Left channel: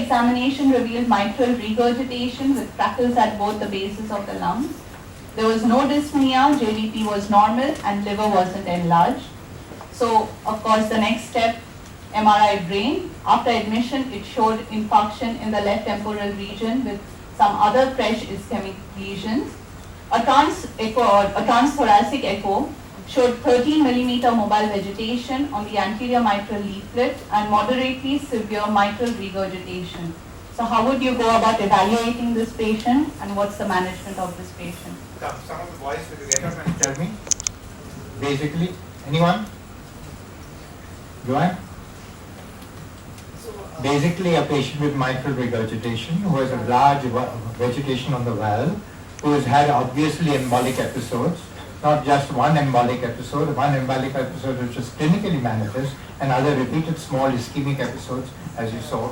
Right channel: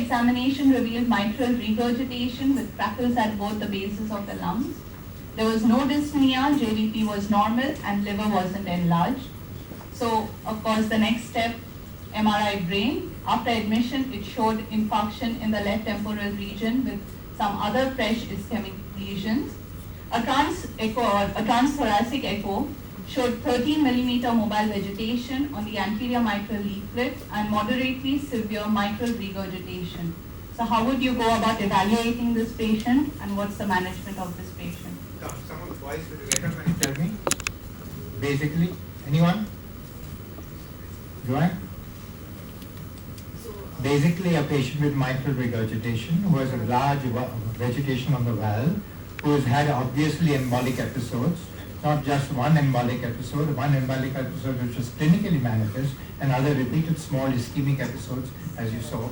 examination revealed mitral regurgitation with freckles at both the bases of the lungs. There was no dyspnea, JDP was normal, and liver wasn't enlarged. So, of course, the next step, MRI brain. After admission, it showed infarction in the left temporal region with some other fresh ischemic lesions. A transthoracic echo showed 13 millimeter mobile vegetation on the anterior mitral leaflet and moderately severe mitral regurgitation. So how would you go about evaluating this patient, and what's the management of this patient? Some of the boys, will you get up and tell me? Basically, anyone? Go on. Basically, a patient with mitral regurgitation who has a large vegetation on the valve, who has had obviously embolic episodes, not just one embolic episode which is clinically manifest, and other repeated small ischemic episodes, as you saw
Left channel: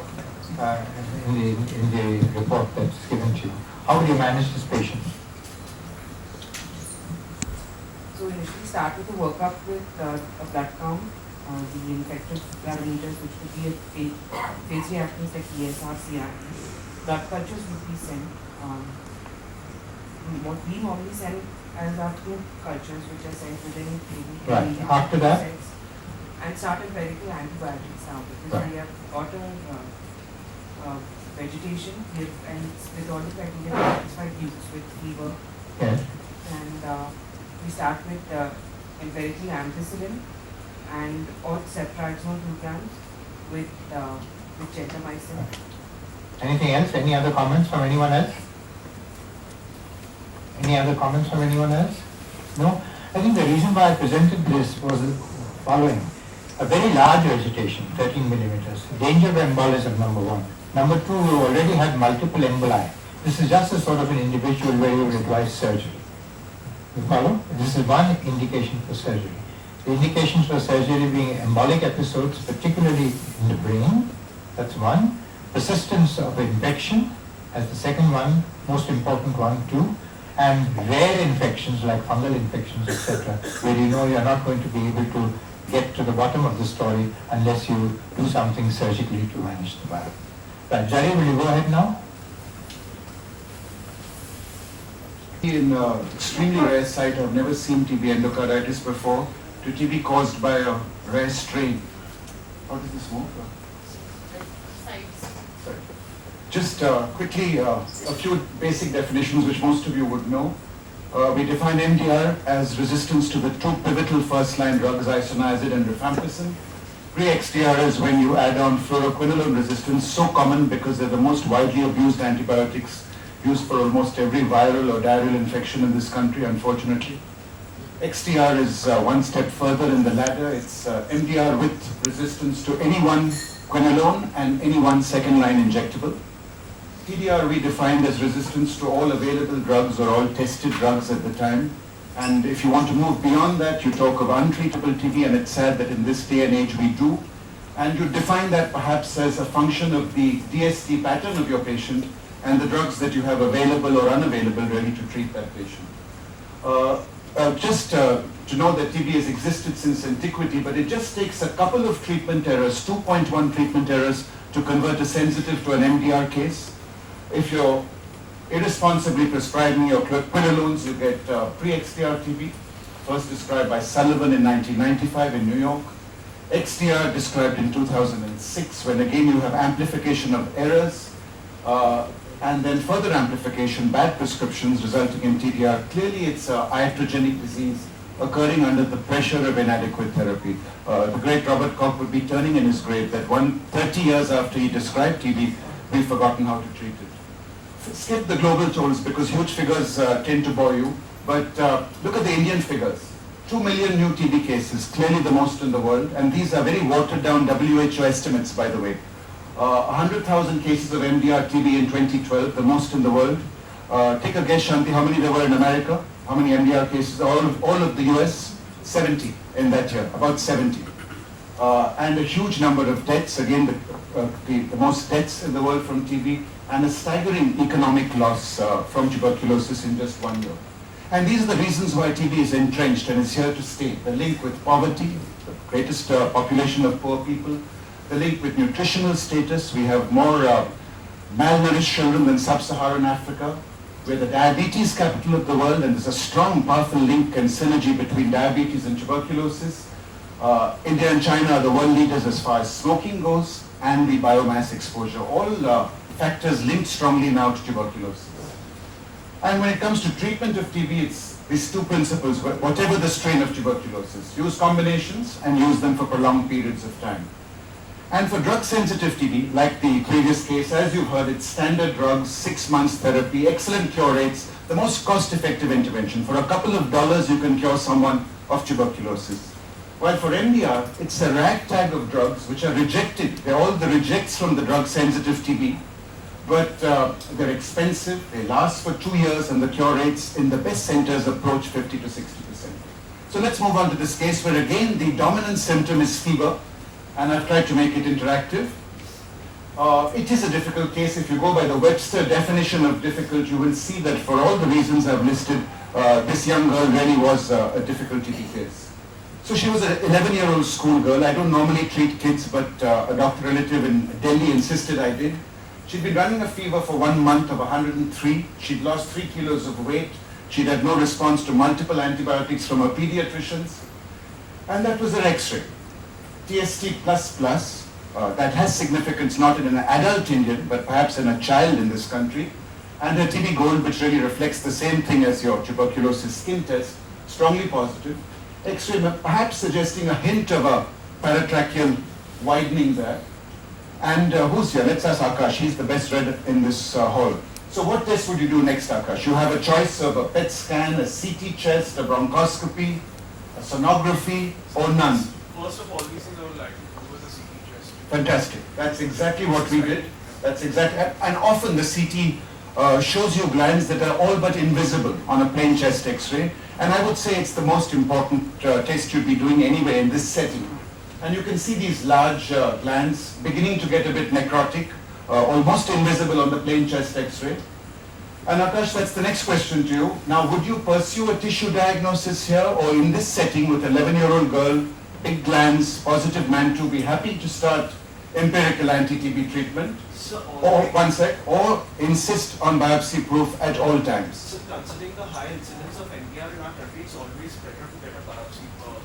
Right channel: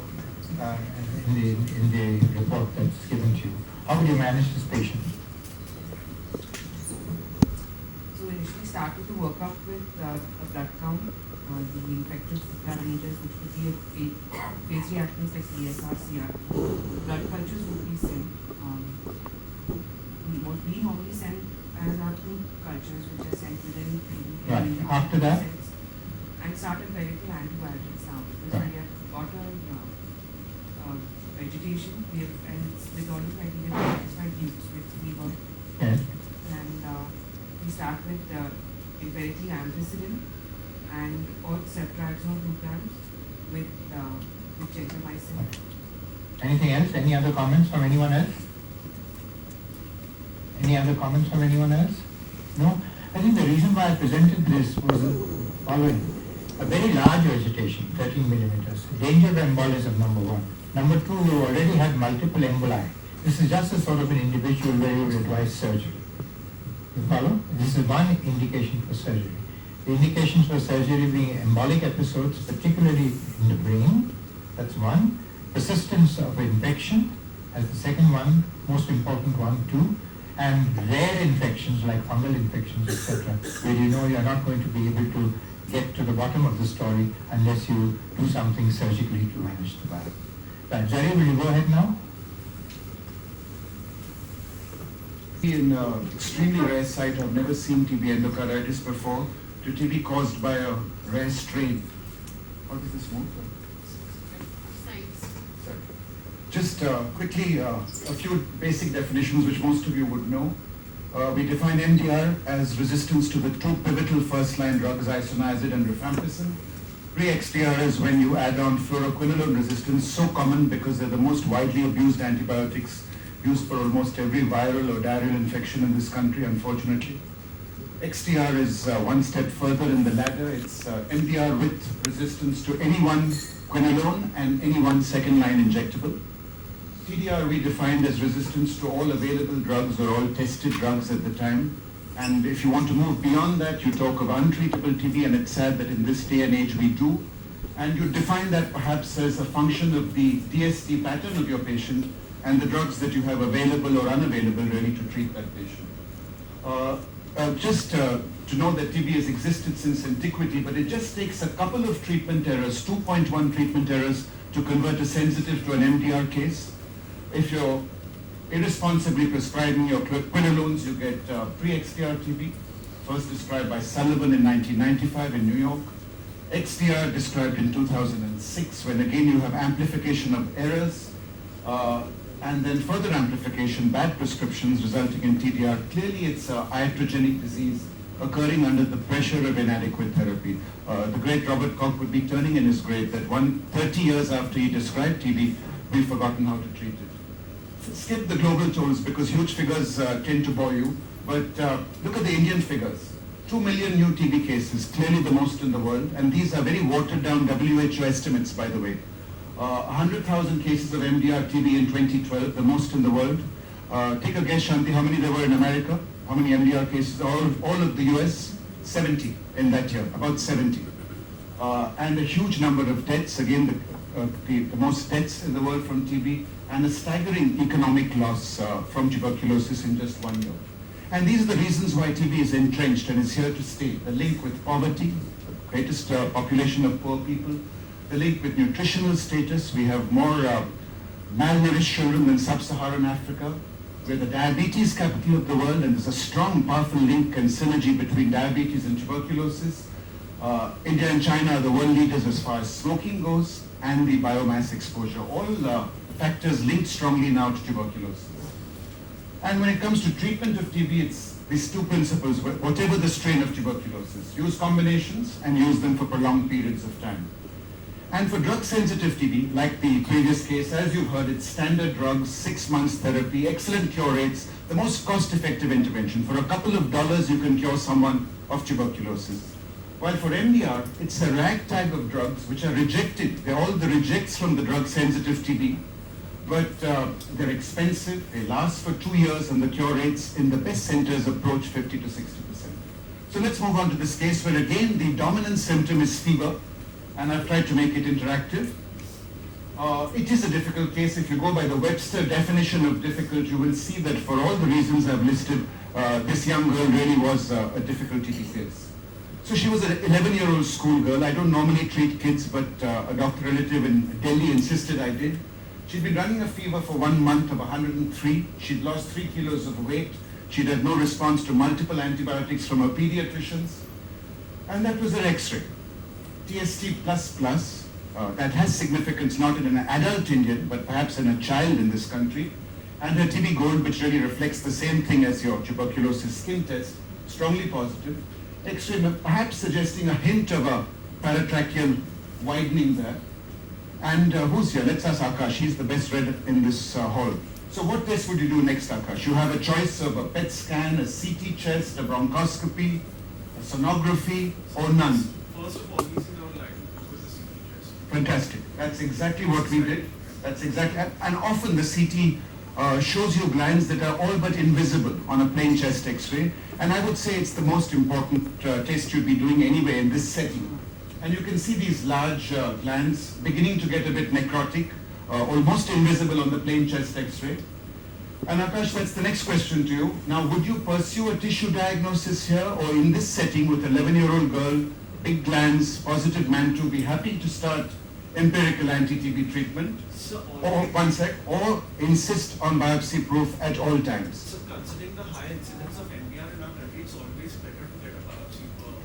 in the report that's given to you. How would you manage this patient? So initially start with a workup with a blood count, the infected parameters, which would be a phase reactions like ESR, CRP. Blood cultures would be sent. What we normally send as our two cultures, which are sent within 3 Right. After that? And start empirical antibiotics now, because Right. we have got a vegetation, and with all the criteria satisfied use with fever. Yes. And we start with empirically ampicillin and or ceftriaxone 2 grams with gentamicin. Anything else? Any other comments from anyone else? Any other comments from anyone else? No? I think the reason why I presented this was the following. A very large vegetation, 13 millimeters. Danger of embolism, number one. Number two, we already had multiple emboli. This is just a sort of an individual where you would advise surgery. You follow? This is one indication for surgery. The indications for surgery being embolic episodes, particularly in the brain, that's one. Persistence of infection, as the second one, most important one too. And rare infections like fungal infections, etc., where you know you are not going to be able to get to the bottom of the story unless you do something surgically to manage the virus. Right, Jari, will you go ahead now? In extremely rare site, I've never seen TB endocarditis before, to TB caused by a rare strain. How does this move? Sorry. Just quickly, a few basic definitions which most of you would know. We define MDR as resistance to the two pivotal first-line drugs, isoniazid and rifampicin. Pre-XDR is when you add on fluoroquinolone resistance, so common because they're the most widely abused antibiotics used for almost every viral or diarrheal infection in this country, unfortunately. XDR is one step further in the ladder. It's MDR with resistance to any one quinolone and any one second-line injectable. TDR we defined as resistance to all available drugs or all tested drugs at the time. And if you want to move beyond that, you talk of untreatable TB, and it's sad that in this day and age we do. And you define that perhaps as a function of the DST pattern of your patient and the drugs that you have available or unavailable really to treat that patient. Just to know that TB has existed since antiquity, but it just takes a couple of treatment errors, 2.1 treatment errors, to convert a sensitive to an MDR case. If you're irresponsibly prescribing your quinolones, you get pre-XDR TB, first described by Sullivan in 1995 in New York. XDR described in 2006, when again you have amplification of errors, and then further amplification, bad prescriptions resulting in TDR. Clearly it's an iatrogenic disease occurring under the pressure of inadequate therapy. The great Robert Koch would be turning in his grave that 30 years after he described TB, we've forgotten how to treat it. Skip the global totals because huge figures tend to bore you, but look at the Indian figures. 2 million new TB cases, clearly the most in the world, and these are very watered down WHO estimates, by the way. 100,000 cases of MDR TB in 2012, the most in the world. Take a guess, Shanti, how many there were in America? How many MDR cases? All of the US? 70 in that year, about 70. And a huge number of deaths, again the most deaths in the world from TB, and a staggering economic loss from tuberculosis in just 1 year. And these are the reasons why TB is entrenched and is here to stay. The link with poverty, the greatest population of poor people, the link with nutritional status. We have more malnourished children than sub-Saharan Africa. We're the diabetes capital of the world, and there's a strong, powerful link and synergy between diabetes and tuberculosis. India and China are the world leaders as far as smoking goes, and the biomass exposure. All factors linked strongly now to tuberculosis. And when it comes to treatment of TB, it's these two principles, whatever the strain of tuberculosis, use combinations and use them for prolonged periods of time. And for drug-sensitive TB, like the previous case, as you've heard, it's standard drugs, 6 months therapy, excellent cure rates, the most cost-effective intervention. For a couple of dollars, you can cure someone of tuberculosis. While for MDR, it's a ragtag of drugs which are rejected. They're all the rejects from the drug-sensitive TB. But they're expensive, they last for 2 years, and the cure rates in the best centers approach 50 to 60%. So let's move on to this case where again the dominant symptom is fever, and I've tried to make it interactive. It is a difficult case. If you go by the Webster definition of difficult, you will see that for all the reasons I've listed, this young girl really was a difficult TB case. So she was an 11-year-old schoolgirl. I don't normally treat kids, but a doctor relative in Delhi insisted I did. She'd been running a fever for 1 month of 103. She'd lost 3 kilos of weight. She'd had no response to multiple antibiotics from her pediatricians. And that was her X-ray. TST++, that has significance not in an adult Indian, but perhaps in a child in this country. And her TB Gold, which really reflects the same thing as your tuberculosis skin test, strongly positive. X-ray perhaps suggesting a hint of a paratracheal widening there. And who's here? Let's ask Akash. He's the best read in this hall. So what test would you do next, Akash? You have a choice of a PET scan, a CT chest, a bronchoscopy, a sonography, or none. First of all, we think I would like to go with the CT chest. Fantastic. That's exactly what we did. That's exactly, and often the CT shows you glands that are all but invisible on a plain chest X-ray. And I would say it's the most important test you'd be doing anyway in this setting. And you can see these large glands beginning to get a bit necrotic, almost invisible on the plain chest X-ray. And Akash, that's the next question to you. Now, would you pursue a tissue diagnosis here, or in this setting with an 11-year-old girl, big glands, positive MAN2, be happy to start empirical anti-TB treatment? So, or insist on biopsy proof at all times? So considering the high incidence of MDR in our country, it's always better to get a biopsy proof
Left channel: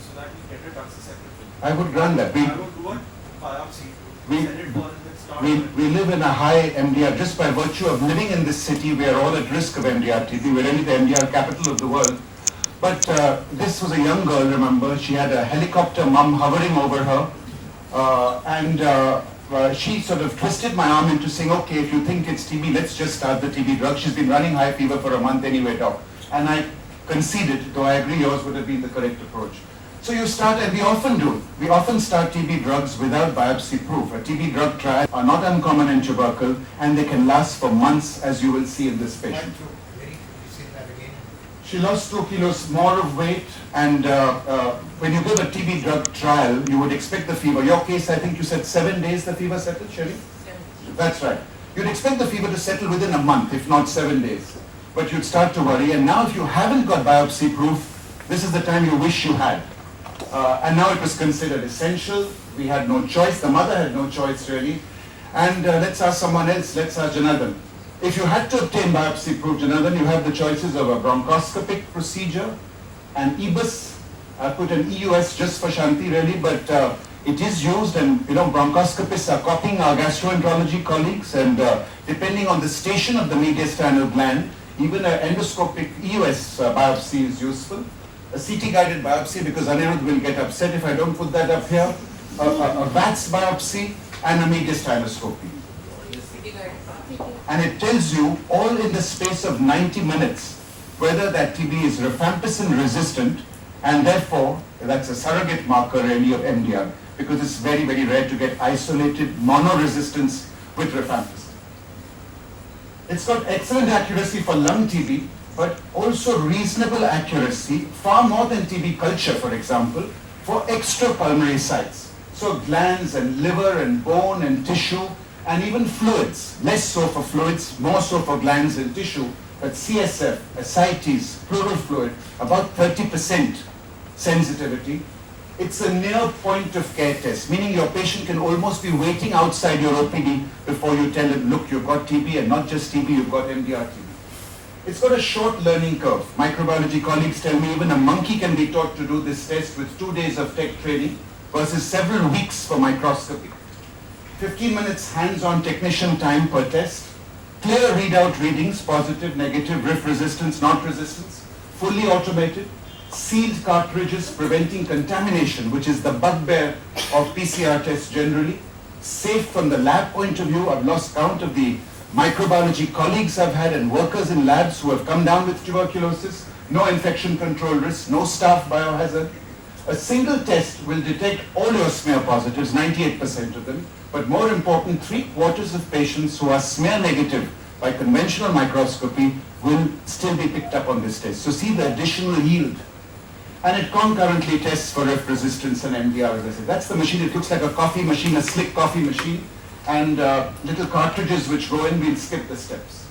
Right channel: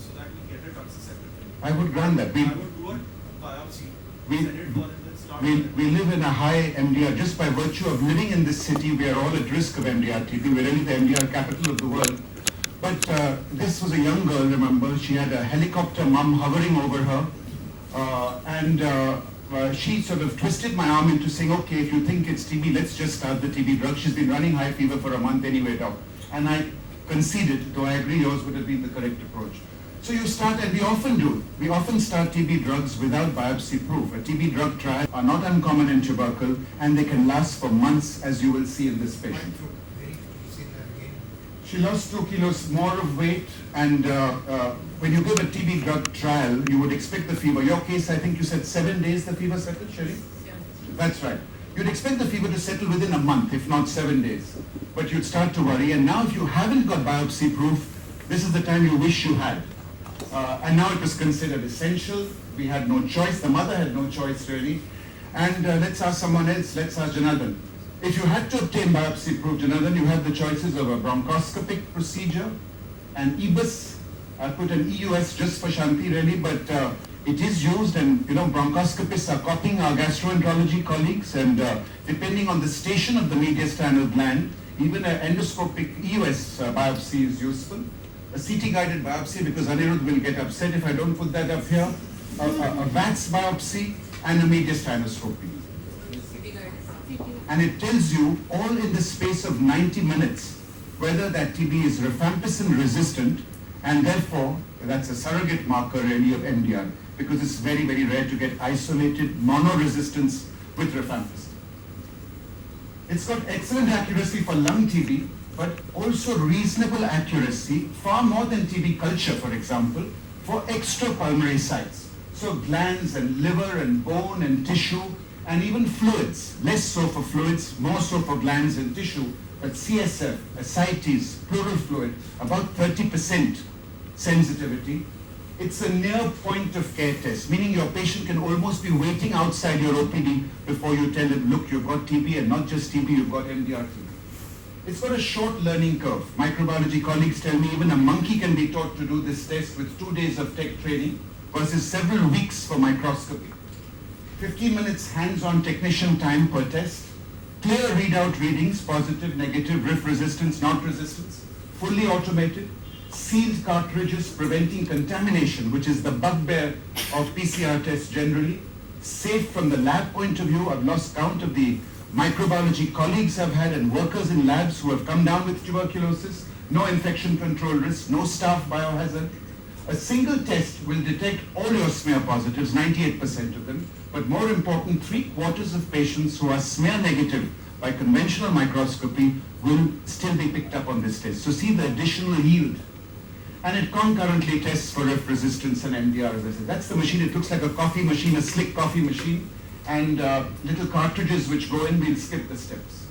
so that we get it done separately. I would run that. I would do a biopsy, send it for and then start. We live in a high MDR. Just by virtue of living in this city, we are all at risk of MDR TB. We're really the MDR capital of the world. But this was a young girl, remember. She had a helicopter mum hovering over her. She sort of twisted my arm into saying, okay, if you think it's TB, let's just start the TB drug. She's been running high fever for a month anyway, doc. And I conceded, though I agree yours would have been the correct approach. So you start, and we often do. We often start TB drugs without biopsy proof. A TB drug trial are not uncommon in tubercle, and they can last for months, as you will see in this patient. She lost 2 kilos more of weight, and when you give a TB drug trial, you would expect the fever. Your case, I think you said 7 days the fever settled, Sherry? That's right. You'd expect the fever to settle within a month, if not 7 days. But you'd start to worry, and now if you haven't got biopsy proof, this is the time you wish you had. And now it was considered essential. We had no choice. The mother had no choice, really. And let's ask someone else. Let's ask Janardhan. If you had to obtain biopsy proof, Janardhan, you have the choices of a bronchoscopic procedure, an EBUS. I put an EUS just for Shanti, really, but it is used, and bronchoscopists are copying our gastroenterology colleagues, and depending on the station of the mediastinal gland, even an endoscopic EUS biopsy is useful. A CT-guided biopsy, because Anirudh will get upset if I don't put that up here, a VATS biopsy, and a mediastinoscopy. And it tells you all in the space of 90 minutes whether that TB is rifampicin resistant, and therefore that's a surrogate marker really of MDR, because it's very, very rare to get isolated monoresistance with rifampicin. It's got excellent accuracy for lung TB, but also reasonable accuracy, far more than TB culture, for example, for extrapulmonary sites. So glands and liver and bone and tissue, and even fluids, less so for fluids, more so for glands and tissue, but CSF, ascites, pleural fluid, about 30% sensitivity. It's a near point of care test, meaning your patient can almost be waiting outside your OPD before you tell him, look, you've got TB, and not just TB, you've got MDR TB. It's got a short learning curve. Microbiology colleagues tell me even a monkey can be taught to do this test with 2 days of tech training versus several weeks for microscopy. 15 minutes hands-on technician time per test, clear readout readings, positive, negative, RIF resistance, not resistance, fully automated, sealed cartridges preventing contamination, which is the bugbear of PCR tests generally, safe from the lab point of view. I've lost count of the microbiology colleagues I've had and workers in labs who have come down with tuberculosis, no infection control risk, no staff biohazard. A single test will detect all your smear positives, 98% of them, but more important, 3/4 of patients who are smear negative by conventional microscopy will still be picked up on this test. So see the additional yield. And it concurrently tests for F resistance and MDR, as I said. That's the machine. It looks like a coffee machine, a slick coffee machine, and little cartridges which go in. We'll skip the steps.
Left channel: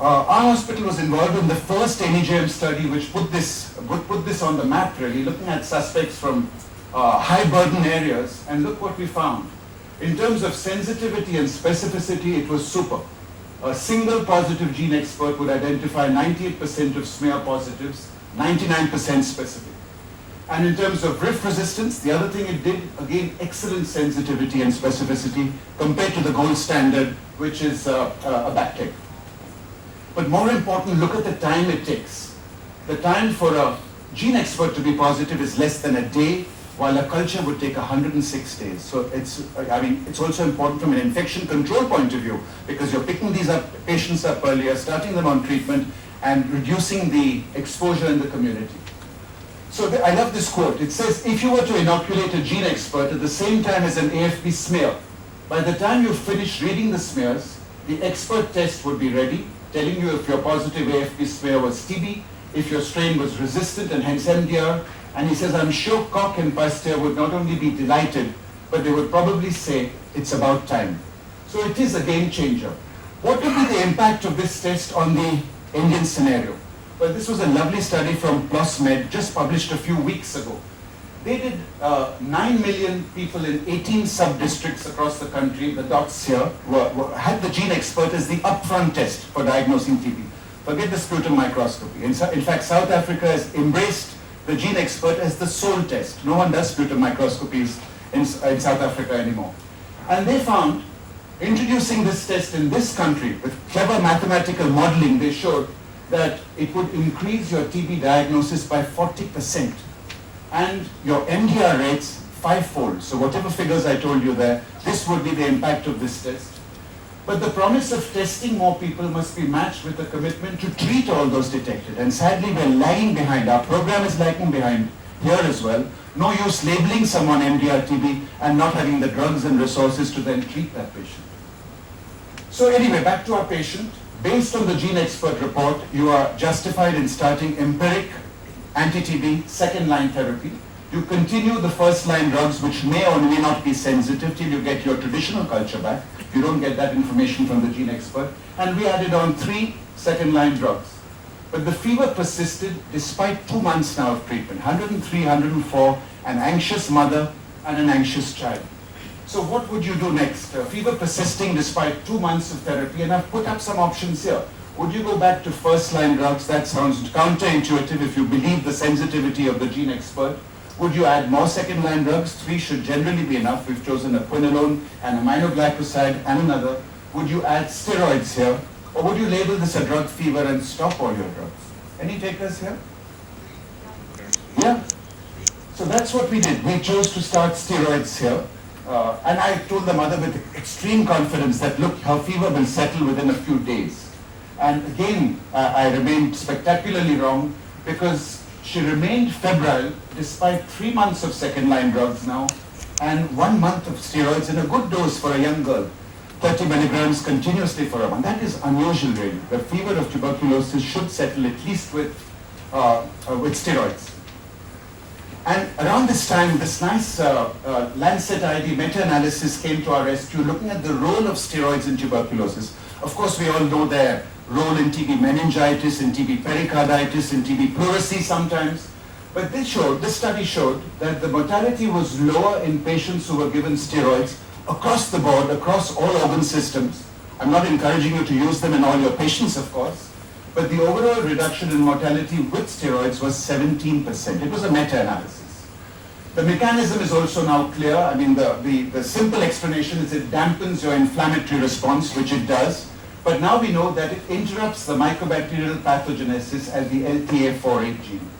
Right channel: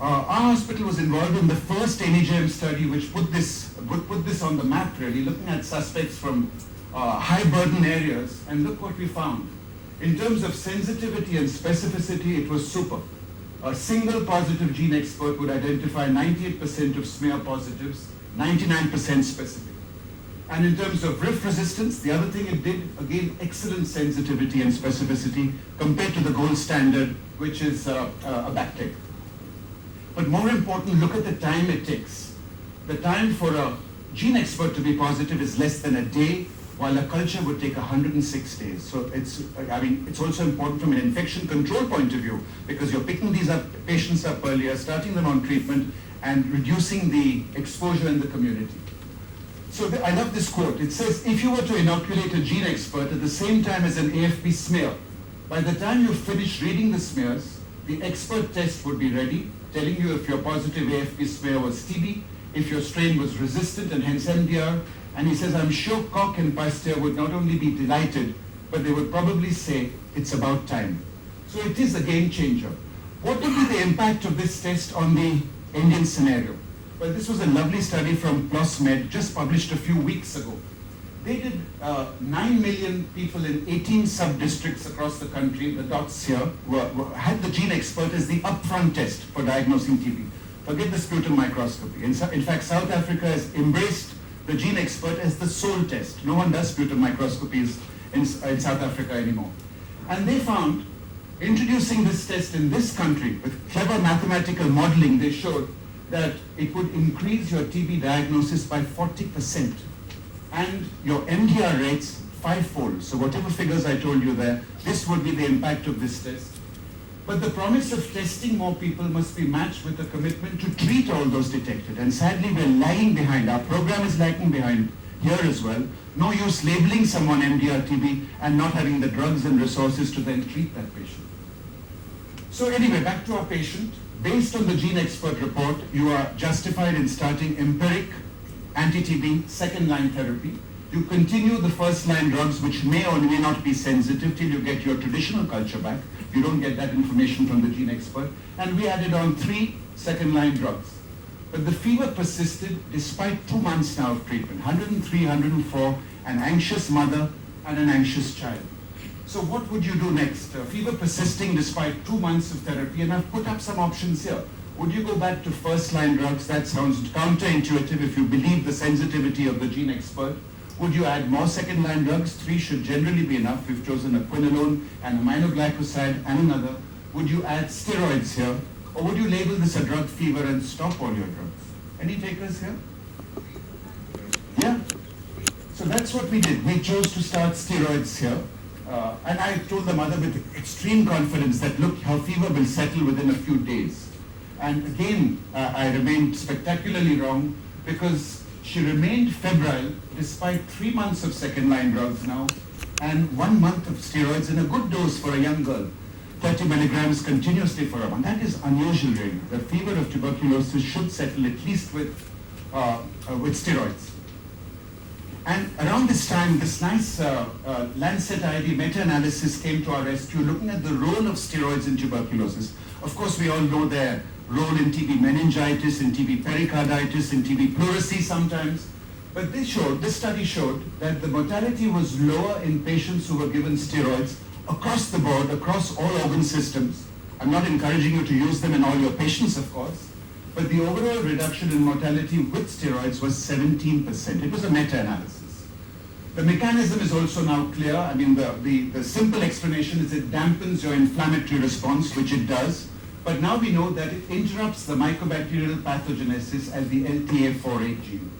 Our hospital was involved in the first NEJM study which put this on the map, really, looking at suspects from high burden areas, and look what we found. In terms of sensitivity and specificity, it was super. A single positive gene expert would identify 98% of smear positives, 99% specific. And in terms of RIF resistance, the other thing it did, again, excellent sensitivity and specificity compared to the gold standard, which is a back tape. But more important, look at the time it takes. The time for a gene expert to be positive is less than a day, while a culture would take 106 days. So it's also important from an infection control point of view, because you're picking these patients up earlier, starting them on treatment, and reducing the exposure in the community. So I love this quote. It says, if you were to inoculate a gene expert at the same time as an AFP smear, by the time you finish reading the smears, the expert test would be ready, telling you if your positive AFP smear was TB, if your strain was resistant and hence MDR. And he says, I'm sure Koch and Pasteur would not only be delighted, but they would probably say, it's about time. So it is a game changer. What would be the impact of this test on the Indian scenario? Well, this was a lovely study from PLOS Med, just published a few weeks ago. They did 9 million people in 18 sub-districts across the country. The dots here had the gene expert as the upfront test for diagnosing TB. Forget the sputum microscopy. In fact, South Africa has embraced the gene expert as the sole test. No one does sputum microscopies in South Africa anymore. And they found, introducing this test in this country with clever mathematical modeling, they showed that it would increase your TB diagnosis by 40% and your MDR rates 5-fold. So whatever figures I told you there, this would be the impact of this test. But the promise of testing more people must be matched with a commitment to treat all those detected. And sadly, we're lagging behind. Our program is lagging behind here as well. No use labeling someone MDR TB and not having the drugs and resources to then treat that patient. So anyway, back to our patient. Based on the gene expert report, you are justified in starting empiric anti-TB second-line therapy. You continue the first-line drugs, which may or may not be sensitive till you get your traditional culture back. You don't get that information from the gene expert. And we added on 3 second-line drugs. But the fever persisted despite 2 months now of treatment, 103, 104, an anxious mother and an anxious child. So what would you do next? Fever persisting despite 2 months of therapy, and I've put up some options here. Would you go back to first-line drugs? That sounds counterintuitive if you believe the sensitivity of the gene expert. Would you add more second-line drugs? 3 should generally be enough. We've chosen a quinolone, an aminoglycoside, and another. Would you add steroids here? Or would you label this a drug fever and stop all your drugs? Any takers here? Yeah? So that's what we did. We chose to start steroids here. And I told the mother with extreme confidence that, look, her fever will settle within a few days. And again, I remained spectacularly wrong, because she remained febrile despite 3 months of second-line drugs now and 1 month of steroids in a good dose for a young girl, 30 milligrams continuously for a month. That is unusual, really. The fever of tuberculosis should settle at least with steroids. And around this time, this nice Lancet ID meta-analysis came to our rescue, looking at the role of steroids in tuberculosis. Of course, we all know their role in TB meningitis, in TB pericarditis, in TB pleurisy sometimes. But this study showed that the mortality was lower in patients who were given steroids across the board, across all organ systems. I'm not encouraging you to use them in all your patients, of course, but the overall reduction in mortality with steroids was 17%. It was a meta-analysis. The mechanism is also now clear. I mean, the simple explanation is it dampens your inflammatory response, which it does. But now we know that it interrupts the mycobacterial pathogenesis as the LTA48 gene.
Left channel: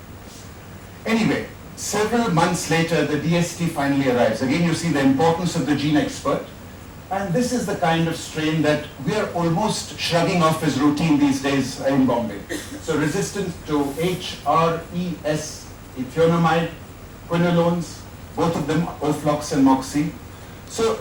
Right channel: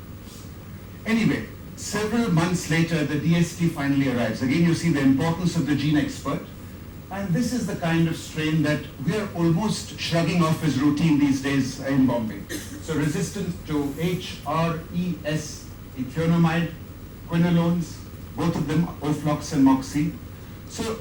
Anyway, several months later, the DST finally arrives. Again, you see the importance of the gene expert. And this is the kind of strain that we are almost shrugging off as routine these days in Bombay. So resistant to HRES, ethionamide, quinolones, both of them, Oflox and Moxie. So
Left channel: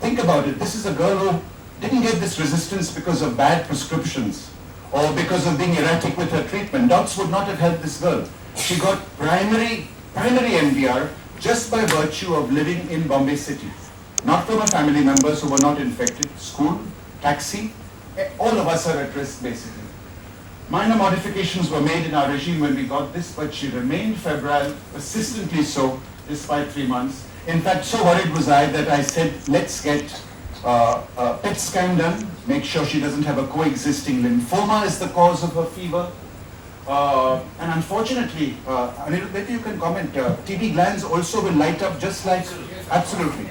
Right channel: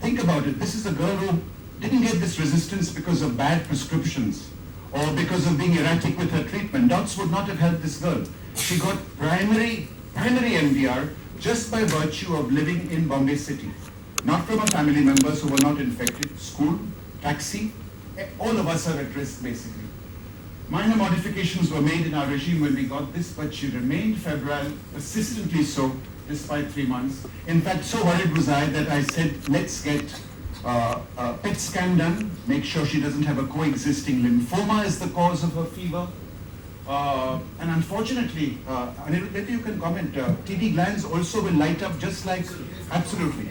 think about it. This is a girl who didn't get this resistance because of bad prescriptions or because of being erratic with her treatment. Docs would not have helped this girl. She got primary MDR just by virtue of living in Bombay city. Not from her family members who were not infected, school, taxi, all of us are at risk basically. Minor modifications were made in our regime when we got this, but she remained febrile, persistently so, despite 3 months. In fact, so worried was I that I said, let's get a PET scan done, make sure she doesn't have a coexisting lymphoma as the cause of her fever. And unfortunately, maybe you can comment, TB glands also will light up just like, absolutely.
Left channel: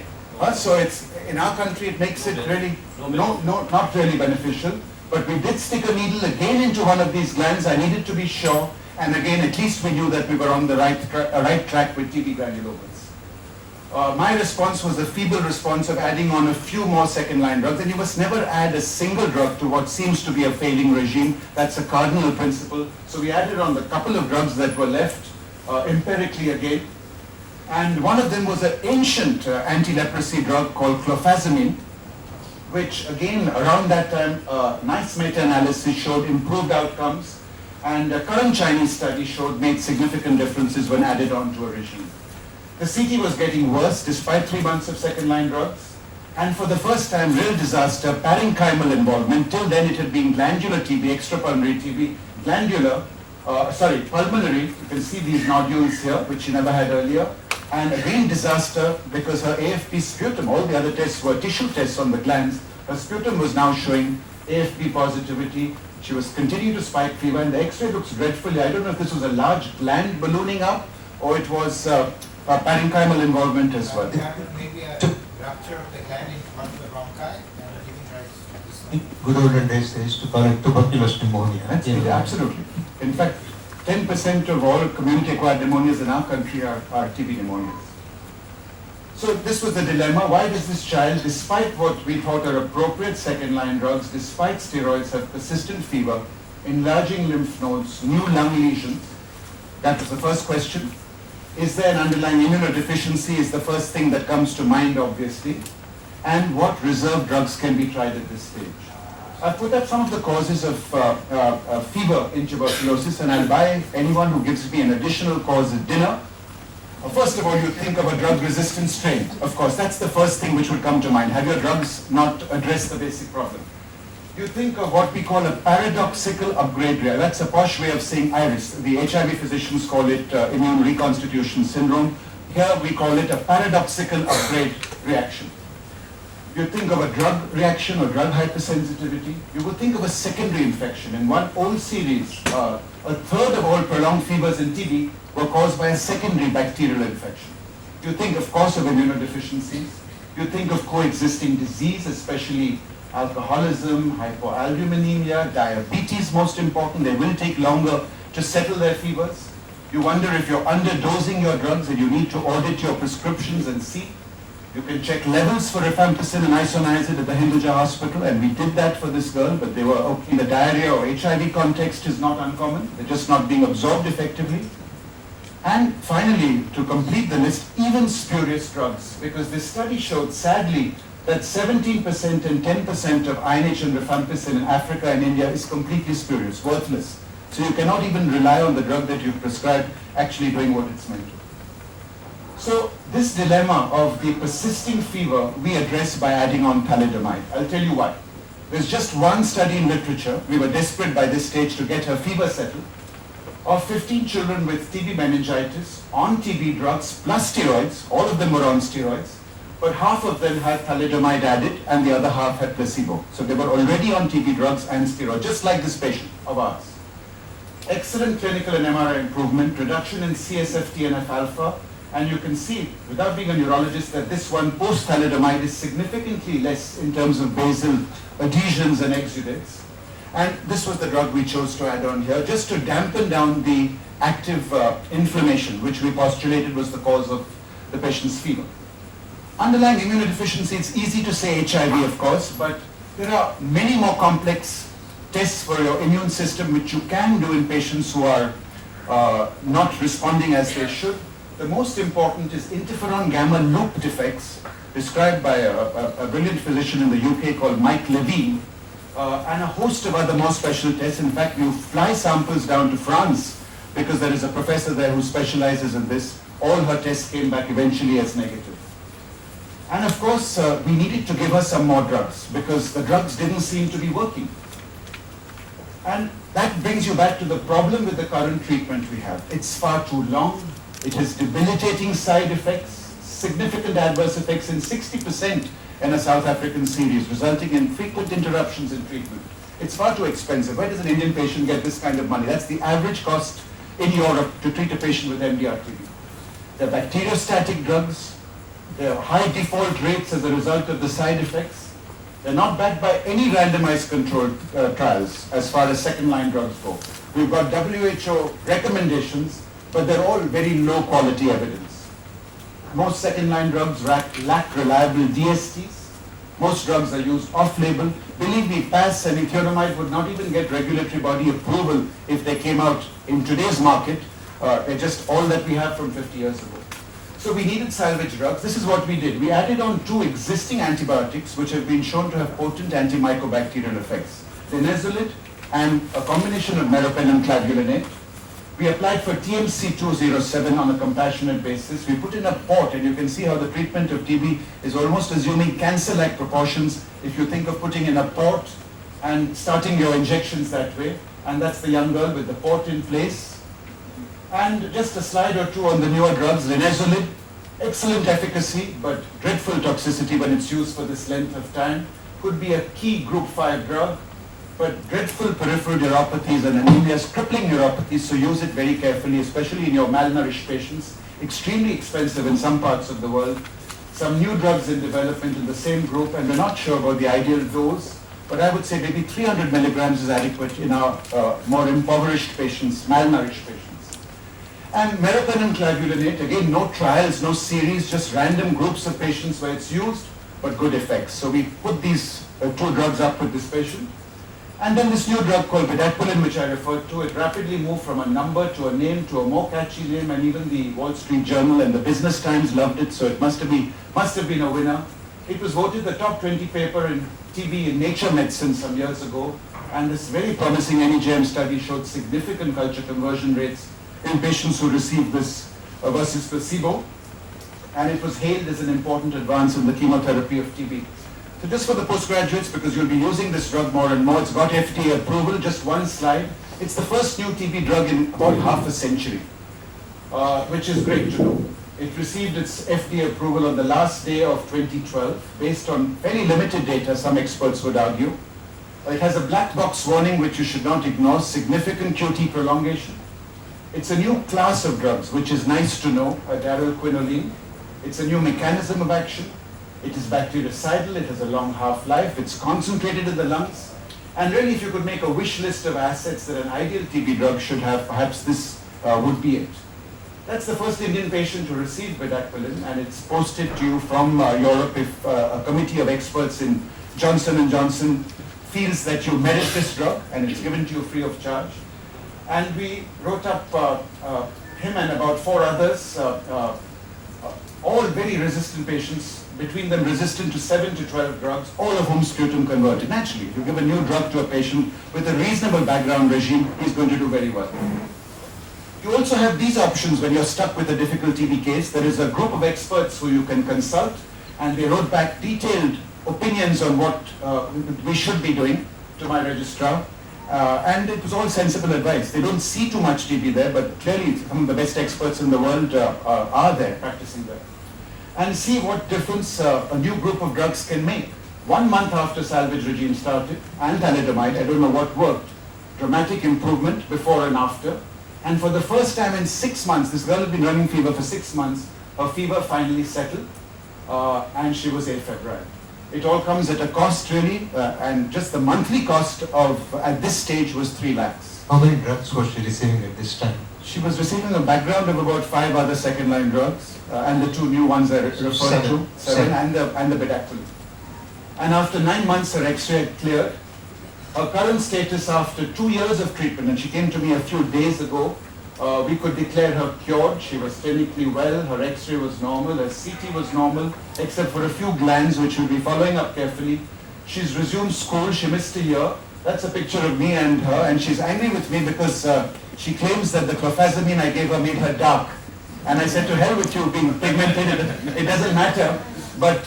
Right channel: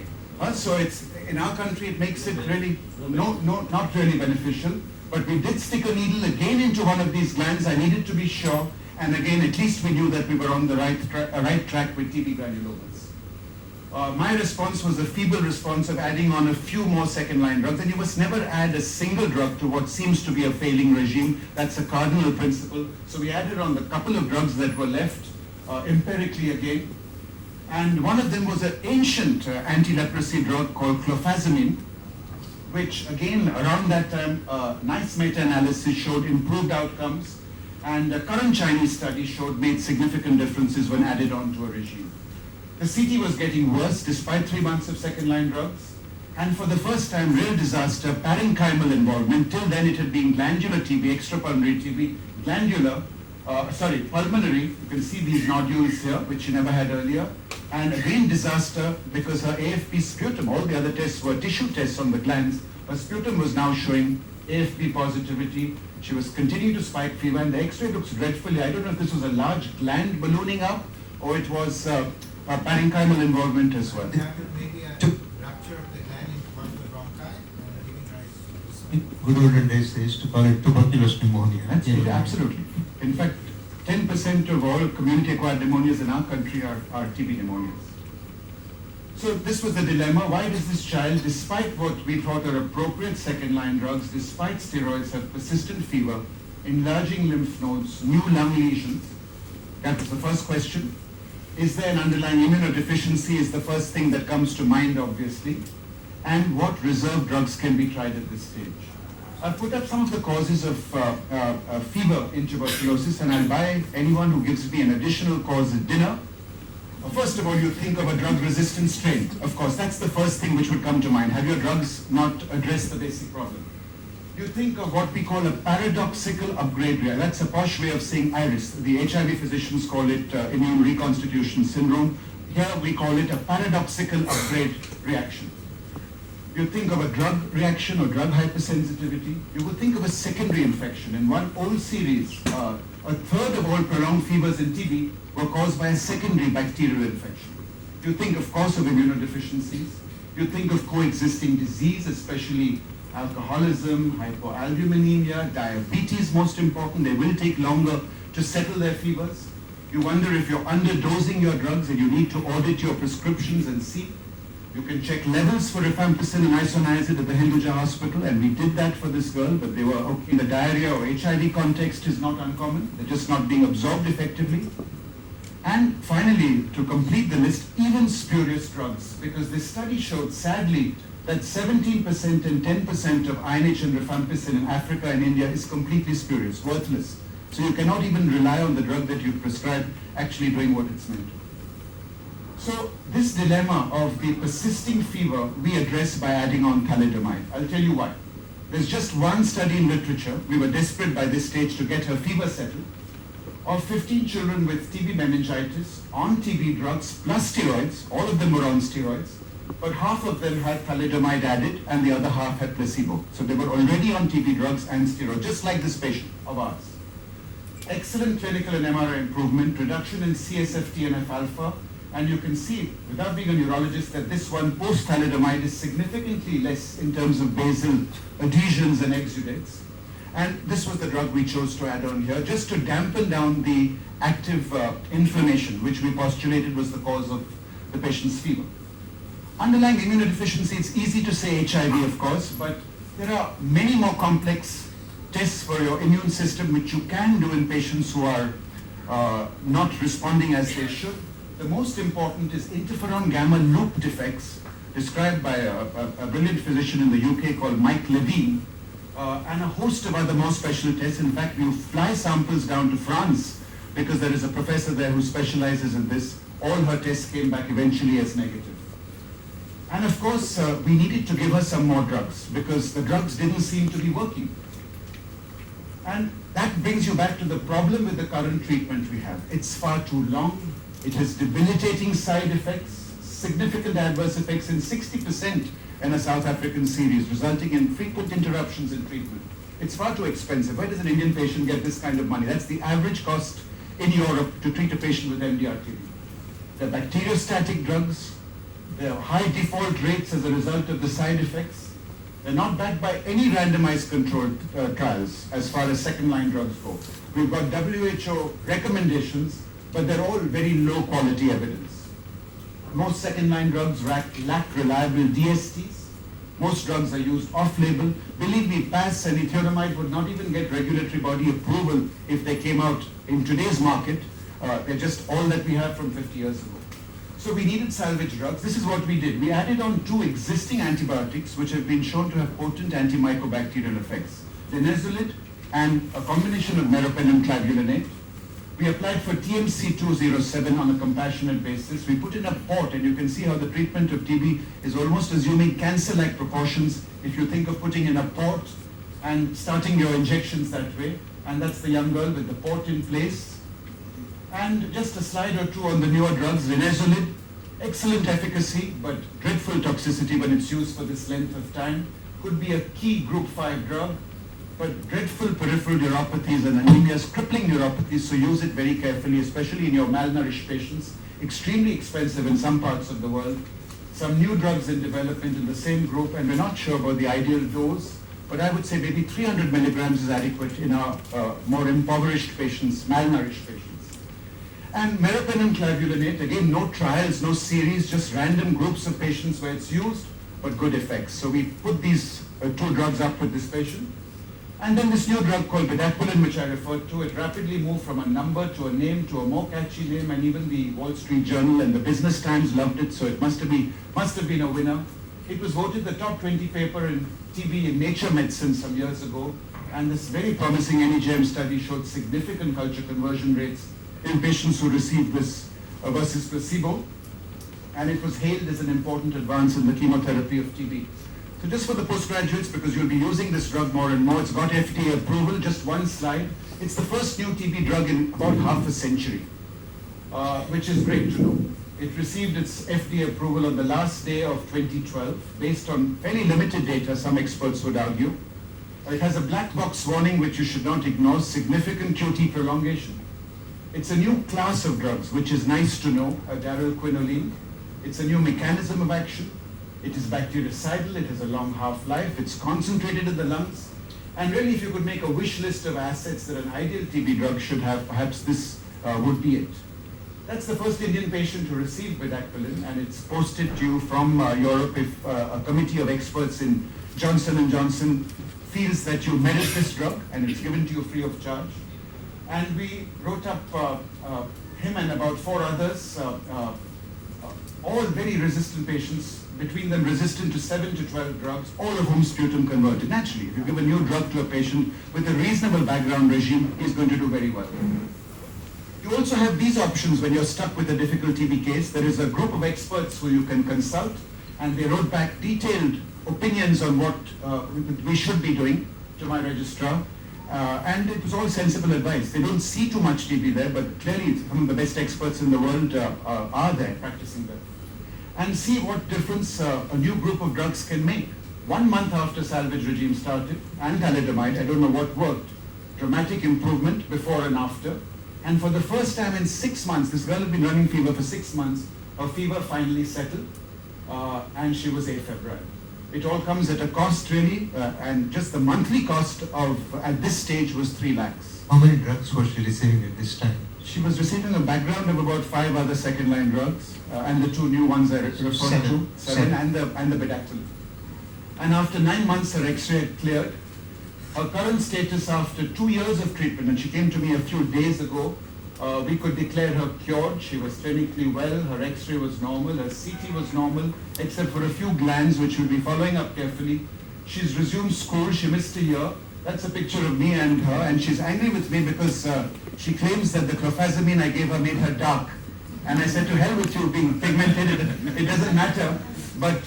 So it's, in our country it makes it really, not really beneficial. But we did stick a needle again into one of these glands. I needed to be sure. And again, at least we knew that we were on the right track with TB granulomas. My response was a feeble response of adding on a few more second-line drugs. And you must never add a single drug to what seems to be a failing regime. That's a cardinal principle. So we added on the couple of drugs that were left, empirically again. And one of them was an ancient anti-leprosy drug called clofazimine, which again, around that time, nice meta-analysis showed improved outcomes. And a current Chinese study showed made significant differences when added on to a regime. The CT was getting worse despite 3 months of second-line drugs. And for the first time, real disaster, parenchymal involvement. Till then it had been glandular TB, extrapulmonary TB, pulmonary. You can see these nodules here, which she never had earlier. And again disaster because her AFP sputum, all the other tests were tissue tests on the glands. Her sputum was now showing AFP positivity. She was continuing to spike fever, and the X-ray looks dreadfully. I don't know if this was a large gland ballooning up or it was parenchymal involvement as well. Maybe a rupture of the gland in one of the bronchi and giving rise to this. Good olden days, they used to call it tuberculous pneumonia. Absolutely. In fact, 10% of all community-acquired pneumonias in our country are TB pneumonias. So this was the dilemma. Why does this child, despite what we thought are appropriate second-line drugs, despite steroids, have persistent fever, enlarging lymph nodes, new lung lesions? That was the first question. Is there an underlying immunodeficiency is the first thing that comes to mind, obviously. And what reserve drugs can be tried at this stage? I've put up some of the causes of fever in tuberculosis, and I'll buy anyone who gives me an additional cause at dinner. First of all, you think of a drug-resistant strain. Of course, that's the first thing which would come to mind. Have your drugs not addressed the basic problem? You think of what we call a paradoxical upgrade reaction. That's a posh way of saying iris. The HIV physicians call it immune reconstitution syndrome. Here we call it a paradoxical upgrade reaction. You think of a drug reaction or drug hypersensitivity. You would think of a secondary infection. In one old series, a third of all prolonged fevers in TB were caused by a secondary bacterial infection. You think, of course, of immunodeficiencies. You think of coexisting disease, especially alcoholism, hypoalbuminemia, diabetes, most important. They will take longer to settle their fevers. You wonder if you're underdosing your drugs and you need to audit your prescriptions and see. You can check levels for rifampicin and isoniazid at the Hinduja hospital, and we did that for this girl, but they were okay. The diarrhea or HIV context is not uncommon. They're just not being absorbed effectively. And finally, to complete the list, even spurious drugs, because this study showed, sadly, that 17% and 10% of INH and rifampicin in Africa and India is completely spurious, worthless. So you cannot even rely on the drug that you've prescribed actually doing what it's meant to. So this dilemma of the persisting fever we address by adding on thalidomide. I'll tell you why. There's just one study in literature. We were desperate by this stage to get her fever settled. of 15 children with TB meningitis on TB drugs plus steroids. All of them were on steroids, but half of them had thalidomide added and the other half had placebo. So they were already on TB drugs and steroids, just like this patient of ours. Excellent clinical and MRI improvement, reduction in CSF TNF-alpha, and you can see, without being a neurologist, that this one post-thalidomide is significantly less in terms of basal adhesions and exudates. And this was the drug we chose to add on here, just to dampen down the active inflammation, which we postulated was the cause of the patient's fever. Underlying immunodeficiency, it's easy to say HIV, of course, but there are many more complex tests for your immune system which you can do in patients who are not responding as they should. The most important is interferon gamma loop defects, described by a brilliant physician in the UK called Mike Levine, and a host of other more special tests. In fact, you fly samples down to France because there is a professor there who specializes in this. All her tests came back eventually as negative. And of course, we needed to give her some more drugs because the drugs didn't seem to be working. And that brings you back to the problem with the current treatment we have. It's far too long. It has debilitating side effects, significant adverse effects in 60% in a South African series, resulting in frequent interruptions in treatment. It's far too expensive. Where does an Indian patient get this kind of money? That's the average cost in Europe to treat a patient with MDR-TB. They're bacteriostatic drugs. They have high default rates as a result of the side effects. They're not backed by any randomized controlled trials as far as second-line drugs go. We've got WHO recommendations, but they're all very low quality evidence. Most second-line drugs lack reliable DSTs. Most drugs are used off-label. Believe me, PAS and ethiopamide would not even get regulatory body approval if they came out in today's market. They're just all that we have from 50 years ago. So we needed salvage drugs. This is what we did. We added on 2 existing antibiotics which have been shown to have potent antimicrobacterial effects. Linezolid and a combination of meropenem and clavulanate. We applied for TMC 207 on a compassionate basis. We put in a port, and you can see how the treatment of TB is almost assuming cancer-like proportions if you think of putting in a port and starting your injections that way. And that's the young girl with the port in place. And just a slide or two on the newer drugs. Linezolid, excellent efficacy, but dreadful toxicity when it's used for this length of time. Could be a key group 5 drug, but dreadful peripheral neuropathies and anemias, crippling neuropathies, so use it very carefully, especially in your malnourished patients. Extremely expensive in some parts of the world. Some new drugs in development in the same group, and we're not sure about the ideal dose, but I would say maybe 300 milligrams is adequate in our more impoverished patients, malnourished patients. And meropenem clavulanate, again, no trials, no series, just random groups of patients where it's used, but good effects. So we put these 2 drugs up with this patient. And then this new drug called bedaquiline, which I referred to, it rapidly moved from a number to a name to a more catchy name, and even the Wall Street Journal and the Business Times loved it, so it must have been a winner. It was voted the top 20 paper in TB in Nature Medicine some years ago, and this very promising NEJM study showed significant culture conversion rates in patients who received this versus placebo, and it was hailed as an important advance in the chemotherapy of TB. So just for the postgraduates, because you'll be using this drug more and more, it's got FDA approval. Just one slide. It's the first new TB drug in about half a century, which is great to know. It received its FDA approval on the last day of 2012, based on very limited data, some experts would argue. It has a black box warning, which you should not ignore, significant QT prolongation. It's a new class of drugs, which is nice to know, darylquinoline. It's a new mechanism of action. It is bactericidal, it has a long half-life, it's concentrated in the lungs. And really, if you could make a wish list of assets that an ideal TB drug should have, perhaps this would be it. That's the first Indian patient to receive bedaquiline, and it's posted to you from Europe if a committee of experts in Johnson & Johnson feels that you merit this drug, and it's given to you free of charge. And we wrote up him and about 4 others, all very resistant patients, between them resistant to 7 to 12 drugs, all of whom sputum converted. Naturally, if you give a new drug to a patient with a reasonable background regime, he's going to do very well. You also have these options when you're stuck with a difficult TB case. There is a group of experts who you can consult, and they wrote back detailed opinions on what we should be doing to my registrar. And it was all sensible advice. They don't see too much TB there, but clearly some of the best experts in the world are there, practicing there. And see what difference a new group of drugs can make. 1 month after salvage regime started, and thalidomide, I don't know what worked, dramatic improvement before and after. And for the first time in 6 months, this girl had been running fever for 6 months, her fever finally settled, and she was afebrile. It all comes at a cost really, and just the monthly cost of, at this stage, was 3 lakhs. How many drugs was she receiving at this time? She was receiving a background of about 5 other second-line drugs, and the 2 new ones I referred to, 7 and the bedaquiline. And after 9 months, her X-ray had cleared. Her current status after 2 years of treatment, and she came to me a few days ago, we could declare her cured. She was clinically well, her X-ray was normal, her CT was normal, except for a few glands which we'll be following up carefully. She's resumed school, she missed a year. That's a picture of me and her, and she's angry with me because she claims that the clofazimine I gave her made her dark. And I said, to hell with you being pigmented, it doesn't matter, but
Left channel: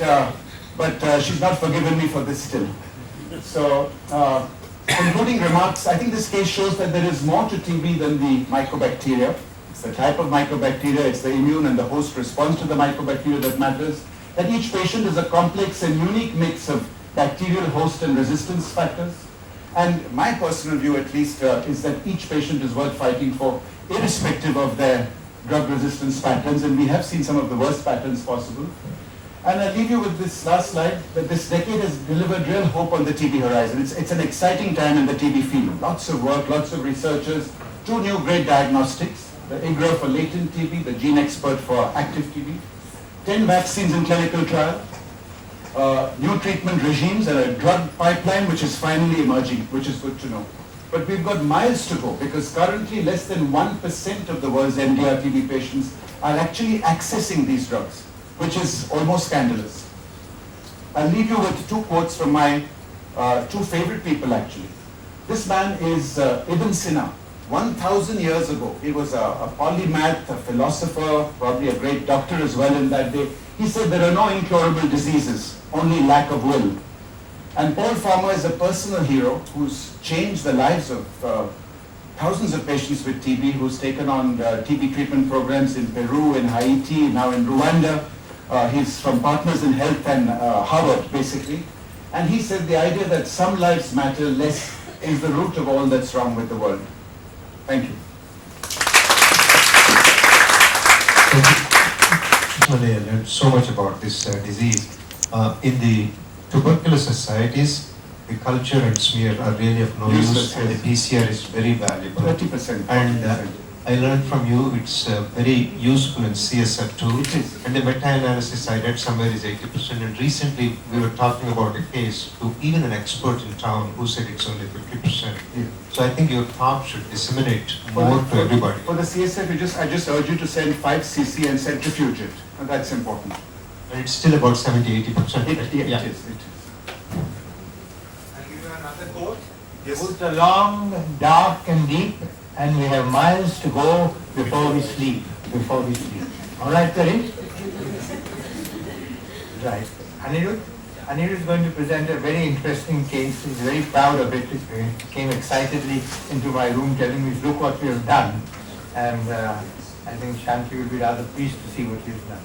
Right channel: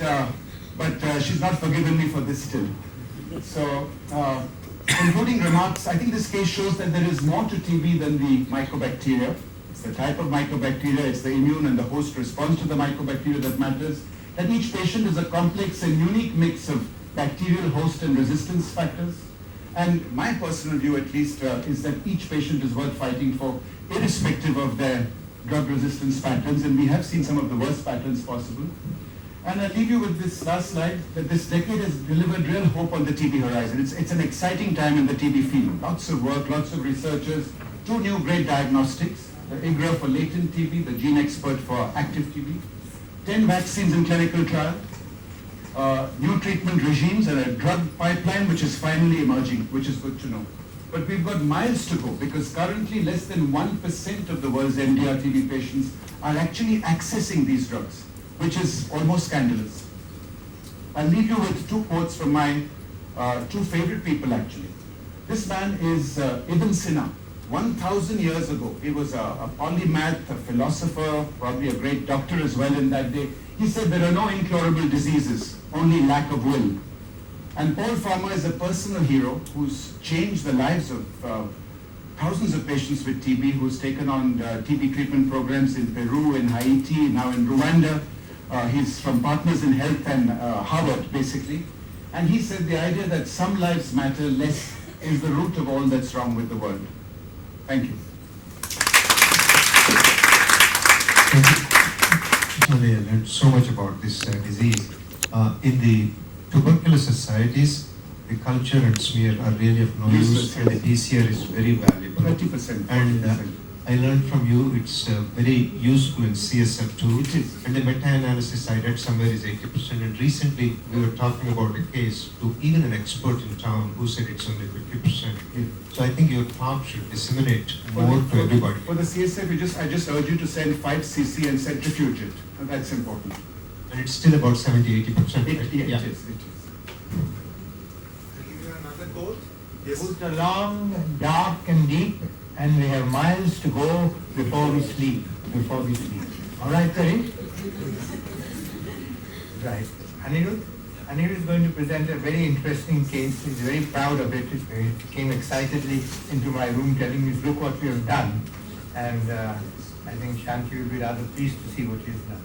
she's not forgiven me for this still. So, concluding remarks, I think this case shows that there is more to TB than the mycobacteria. It's the type of mycobacteria, it's the immune and the host response to the mycobacteria that matters. That each patient is a complex and unique mix of bacterial, host and resistance factors. And my personal view at least is that each patient is worth fighting for, irrespective of their drug resistance patterns, and we have seen some of the worst patterns possible. And I'll leave you with this last slide, that this decade has delivered real hope on the TB horizon. It's an exciting time in the TB field. Lots of work, lots of researchers, 2 new great diagnostics, the IGRA for latent TB, the gene expert for active TB, 10 vaccines in clinical trial, new treatment regimes, and a drug pipeline which is finally emerging, which is good to know. But we've got miles to go, because currently less than 1% of the world's MDR TB patients are actually accessing these drugs, which is almost scandalous. I'll leave you with 2 quotes from my 2 favorite people actually. This man is Ibn Sina. 1,000 years ago, he was a polymath, a philosopher, probably a great doctor as well in that day. He said there are no incurable diseases, only lack of will. And Paul Farmer is a personal hero who's changed the lives of thousands of patients with TB, who's taken on TB treatment programs in Peru, in Haiti, now in Rwanda. He's from Partners in Health and Harvard, basically. And he said the idea that some lives matter less is the root of all that's wrong with the world. Thank you. Thank you. I learned so much about this disease. In the tuberculosis societies, the culture and smear are really of no use, and the PCR is very valuable. 30%. And I learned from you it's very useful in CSF too. It is. And the meta-analysis I read somewhere is 80%. And recently we were talking about a case to even an expert in town who said it's only 50%. Yeah. So I think your talk should disseminate more to everybody. For the CSF, I just urge you to send 5 cc and centrifuge it. And that's important. And it's still about 70-80%. It is. I'll give you another quote. Yes. Woods are long, dark and deep, and we have miles to go before we sleep. All right, Karim? Right. Anirudh is going to present a very interesting case. He's very proud of it. He came excitedly into my room telling me, look what we have done. And I think Shanti will be rather pleased to see what he has done.